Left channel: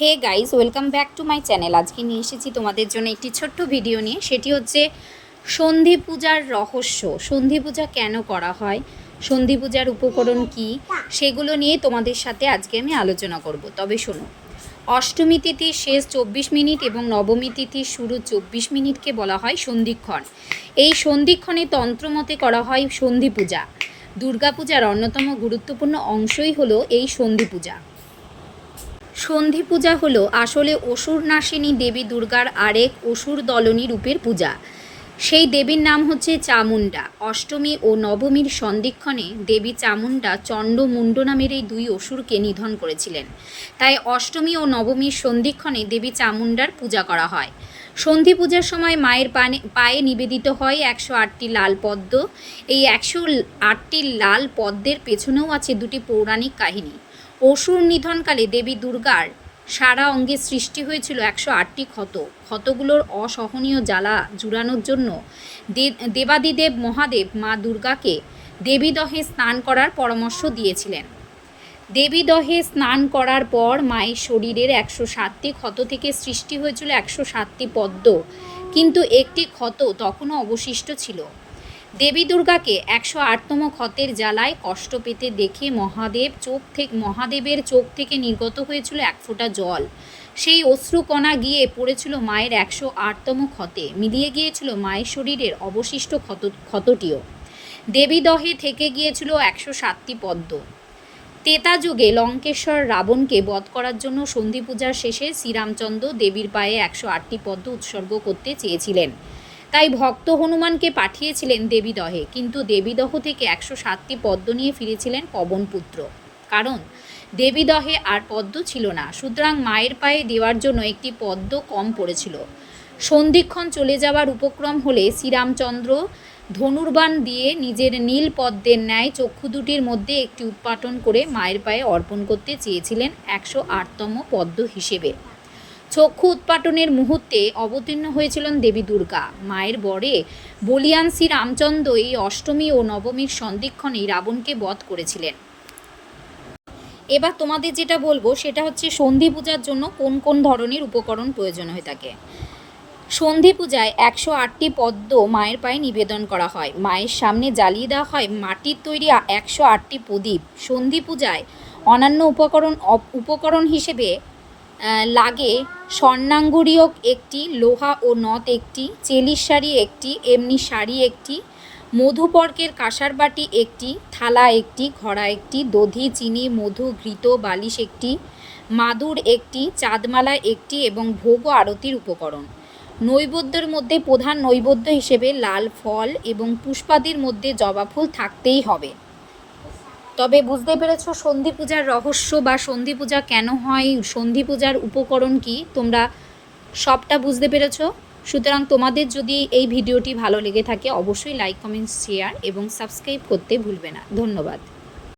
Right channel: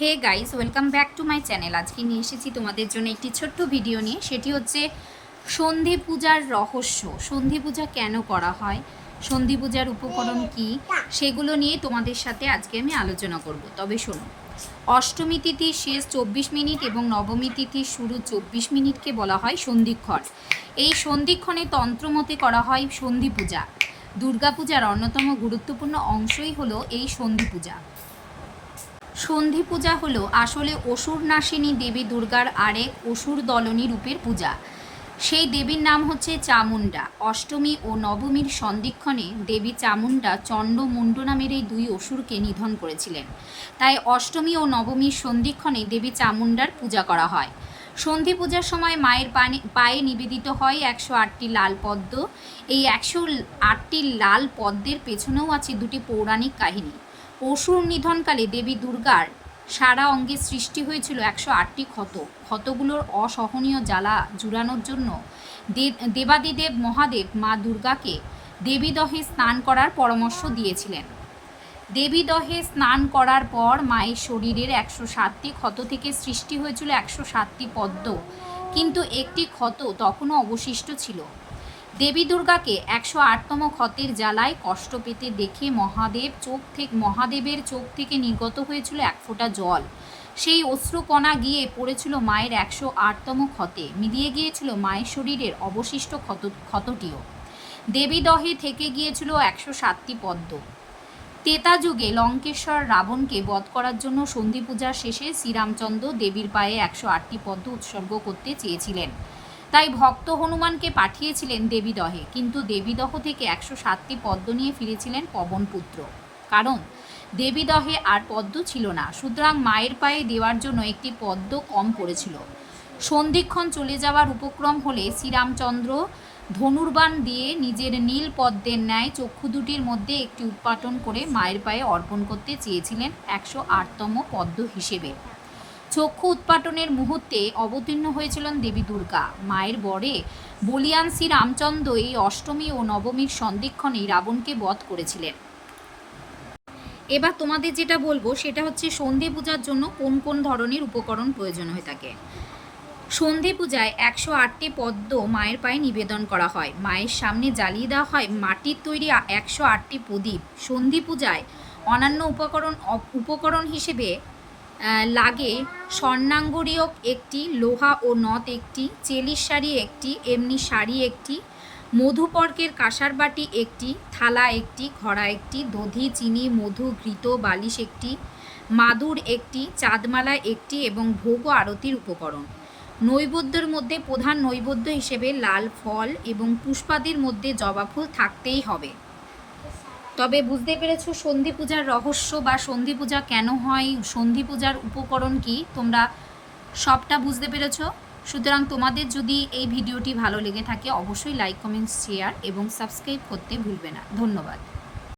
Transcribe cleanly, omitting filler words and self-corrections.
Hey guys, welcome back to my channel. আজকে নিয়ে এসেছি তোমাদের জন্য একটি ছোট্ট ভিডিও নিয়ে। সেটি হচ্ছে সন্ধি পূজার রহস্য। সন্ধি পূজা কেন করা হয়, সন্ধি পূজার উপকরণ কি, সেগুলো নিয়ে তোমাদের সাথে আজকে আমি আলোচনা করব। তবে শোনো, অষ্টমী তিথির শেষ 24 মিনিট এবং নবমী তিথির শুরু 24 মিনিটকে বলা হয় সন্ধিক্ষণ। এই সন্ধিক্ষণে তন্ত্রমতে করা হয় সন্ধি পূজা। দুর্গাপূজার অন্যতম গুরুত্বপূর্ণ অংশই হলো এই সন্ধি পূজা। সন্ধি পূজা হলো আসলে অসুর নাশিনী দেবী দুর্গার আরেক অসুর দলনী রূপের পূজা। সেই দেবীর নাম হচ্ছে চামুণ্ডা। অষ্টমী ও নবমীর সন্ধিক্ষণে দেবী চামুণ্ডা চণ্ড মুণ্ড নামের এই দুই অসুরকে নিধন করেছিলেন। তাই অষ্টমী ও নবমীর সন্ধিক্ষণে দেবী চামুণ্ডার পূজা করা হয়। সন্ধি পূজার সময় মায়ের পায়ে নিবেদিত হয় 108টি লাল পদ্ম। এই 108টি লাল পদ্মের পেছনেও আছে দুটি পৌরাণিক কাহিনী। অসুর নিধনকালে দেবী দুর্গার সারা অঙ্গে সৃষ্টি হয়েছিল 108টি ক্ষত। ক্ষতগুলোর অসহনীয় জ্বালা জুড়ানোর জন্য দেবাদিদেব মহাদেব মা দুর্গাকে দেবীদহে স্নান করার পরামর্শ দিয়েছিলেন। দেবীদহে স্নান করার পর মায়ের শরীরের 107টি ক্ষত থেকে সৃষ্টি হয়েছিল 107টি পদ্ম, কিন্তু একটি ক্ষত তখনও অবশিষ্ট ছিল। দেবী দুর্গাকে 108তম ক্ষতের জ্বালায় কষ্ট পেতে দেখে মহাদেবের চোখ থেকে নির্গত হয়েছিল এক ফোঁটা জল। সেই অশ্রুকণা গিয়ে পড়েছিল মায়ের 108তম ক্ষতে, মিলিয়ে গিয়েছিল মায়ের শরীরের অবশিষ্ট ক্ষতটিও। দেবী দহে থেকে গিয়েছিল 107টি পদ্ম। ত্রেতা যুগে লঙ্কেশ্বর রাবণকে বধ করার জন্য সন্ধি পূজার শেষে শ্রীরামচন্দ্র দেবীর পায়ে 108টি পদ্ম উৎসর্গ করতে চেয়েছিলেন। তাই ভক্ত হনুমানকে পাঠিয়েছিলেন দেবীদহে, কিন্তু দেবীদহ থেকে 107টি পদ্ম নিয়ে ফিরেছিলেন পবনপুত্র, কারণ দেবীদহে আর পদ্ম ছিল না। সুতরাং মায়ের পায়ে দেওয়ার জন্য একটি পদ্ম কম পড়েছিল। সন্ধিক্ষণ চলে যাওয়ার উপক্রম হলে শ্রীরামচন্দ্র ধনুর্বাণ দিয়ে নিজের নীল পদ্মের ন্যায় চক্ষু দুটির মধ্যে একটি উৎপাটন করে মায়ের পায়ে অর্পণ করতে চেয়েছিলেন 108তম পদ্ম হিসেবে। চক্ষু উৎপাটনের মুহূর্তে অবতীর্ণ হয়েছিলেন দেবী দুর্গা। মায়ের বরে বলিয়ান শ্রী রামচন্দ্র এই অষ্টমী ও নবমীর সন্ধিক্ষণেই রাবণকে বধ করেছিলেন। এবার তোমাদের যেটা বলবো সেটা হচ্ছে সন্ধি পূজার জন্য কোন কোন ধরনের উপকরণ প্রয়োজন হয়ে থাকে। সন্ধি পূজায় 108টি পদ্ম মায়ের পায়ে নিবেদন করা হয়। মায়ের সামনে জ্বালিয়ে দেওয়া হয় মাটির তৈরি 108টি প্রদীপ। সন্ধি পূজায় অন্যান্য উপকরণ হিসেবে লাগে স্বর্ণাঙ্গুরীয়ক একটি, লোহা ও নথ একটি, চেলির শাড়ি একটি, এমনি শাড়ি একটি, মধুপর্কের কাঁসার বাটি একটি, থালা একটি, ঘড়া একটি, দধি, চিনি, মধু, ঘৃত, বালিশ একটি, মাদুর একটি, চাঁদমালা একটি এবং ভোগ ও আরতির উপকরণ। নৈবেদ্যের মধ্যে প্রধান নৈবেদ্য হিসেবে লাল ফল এবং পুষ্পাদির মধ্যে জবা ফুল থাকতেই হবে। তবে বুঝতে পেরেছ সন্ধি পূজার রহস্য বা সন্ধি পূজা কেন হয়, সন্ধি পূজার উপকরণ কি, তোমরা সবটা বুঝতে পেরেছ। সুতরাং তোমাদের যদি এই ভিডিওটি ভালো লেগে থাকে অবশ্যই লাইক, কমেন্ট, শেয়ার এবং সাবস্ক্রাইব করতে ভুলবে না। ধন্যবাদ।